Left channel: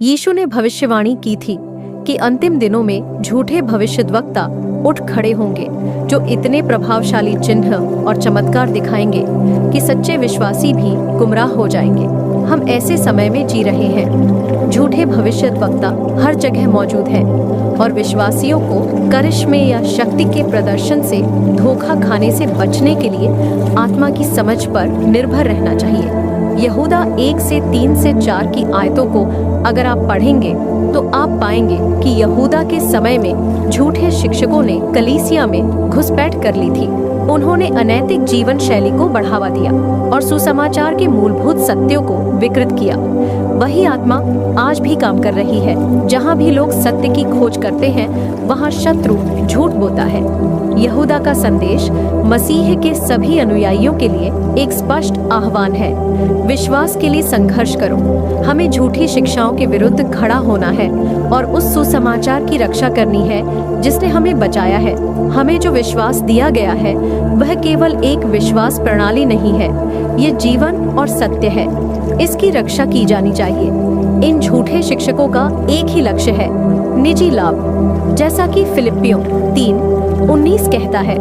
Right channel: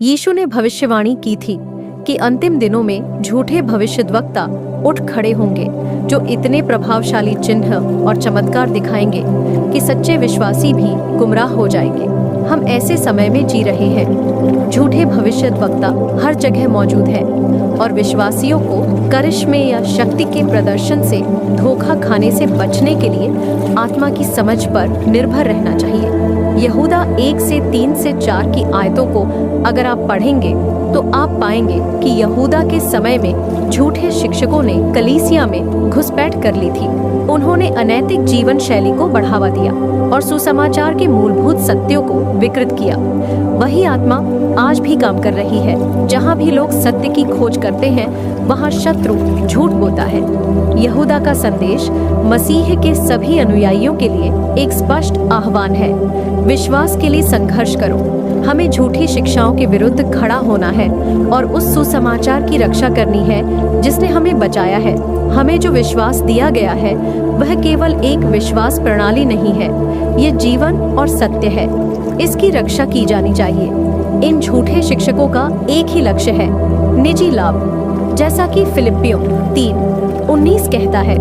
यीशु ने भविष्यवाणी की थी कि अंतिम दिनों में झूठे भविष्यद्वक्ता उठ खड़े होंगे जो इतने प्रभावशाली चिन्ह और चमत्कार दिखाएंगे कि सच्चे विश्वासी भी गुमराह हो जाएंगे। हम ऐसे समय में जी रहे हैं। झूठे भविष्यद्वक्ता हर जगह मौजूद हैं और विश्वासियों को करिश्मे या शक्ति के प्रदर्शन से धोखा खाने से बचने के लिए आत्मा की समझ पर निर्भर रहना चाहिए। यहूदा 1 से 3 से 4 की आयतों को अगर आप पढ़ेंगे तो आप पाएंगे कि यहूदा के समय में झूठे शिक्षकों ने कलीसिया में घुसपैठ कर ली थी। उन्होंने अनैतिक जीवन शैली को बढ़ावा दिया और सुसमाचार के मूलभूत सत्यों को विकृत किया। वही आत्मा आज भी काम कर रही है। जहाँ भी लोग सत्य की खोज करते हैं वहाँ शत्रु झूठ बोता है। यहूदा का संदेश मसीह के सभी अनुयायियों के लिए एक स्पष्ट आह्वान है। विश्वास के लिए संघर्ष करो। हमें झूठी शिक्षाओं के विरुद्ध खड़ा होना है और उस सुसमाचार की रक्षा करनी है जिसने हमें बचाया है। हमें जो विश्वास दिया गया है वह केवल एक विश्वास प्रणाली नहीं है, ये जीवन और सत्य है। इसकी रक्षा की जानी चाहिए। इन झूठे शिक्षकों का एक ही लक्ष्य है, निजी लाभ। जैसा कि फिलिप्पियों 3:19 कहता है,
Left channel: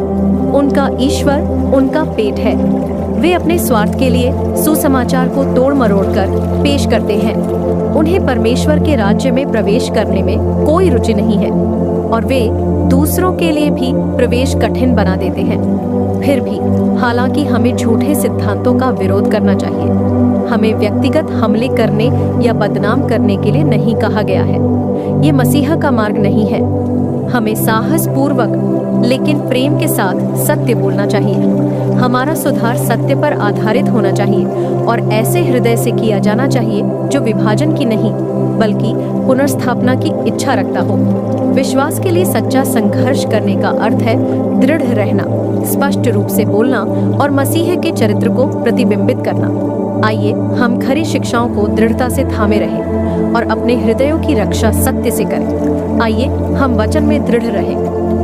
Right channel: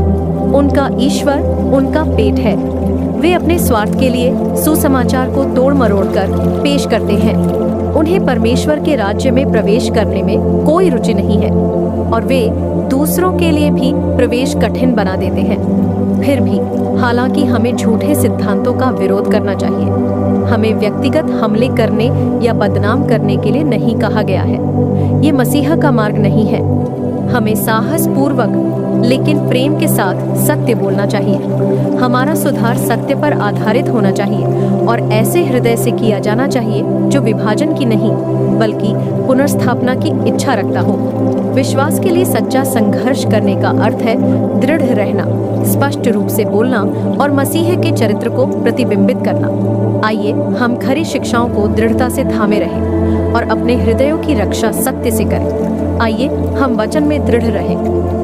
उनका ईश्वर उनका पेट है। वे अपने स्वार्थ के लिए सुसमाचार को तोड़ मरोड़ कर पेश करते हैं। उन्हें परमेश्वर के राज्य में प्रवेश करने में कोई रुचि नहीं है और वे दूसरों के लिए भी प्रवेश कठिन बना देते हैं। फिर भी हालांकि हमें झूठे सिद्धांतों का विरोध करना चाहिए। हमें व्यक्तिगत हमले करने या बदनाम करने के लिए नहीं कहा गया है। ये मसीहा का मार्ग नहीं है। हमें साहस पूर्वक लेकिन प्रेम के साथ सत्य बोलना चाहिए। हमारा सुधार सत्य पर आधारित होना चाहिए और ऐसे हृदय से किया जाना चाहिए जो विभाजन की नहीं बल्कि पुनर्स्थापना की इच्छा रखता हो। विश्वास के लिए सच्चा संघर्ष करने का अर्थ है दृढ़ रहना, स्पष्ट रूप से बोलना और मसीह के चरित्र को प्रतिबिंबित करना। आइए हम खरी शिक्षाओं को दृढ़ता से थामे रहें और अपने हृदयों की रक्षा सत्य से करें। आइए हम वचन में दृढ़ रहें,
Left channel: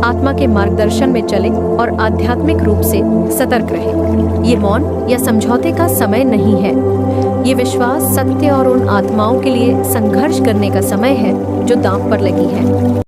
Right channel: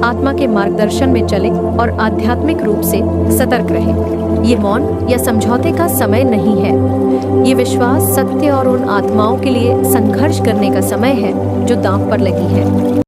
आत्मा के मार्गदर्शन में चलें और आध्यात्मिक रूप से सतर्क रहें। ये मौन या समझौते का समय नहीं है। ये विश्वास, सत्य और उन आत्माओं के लिए संघर्ष करने का समय है जो दांव पर लगी है।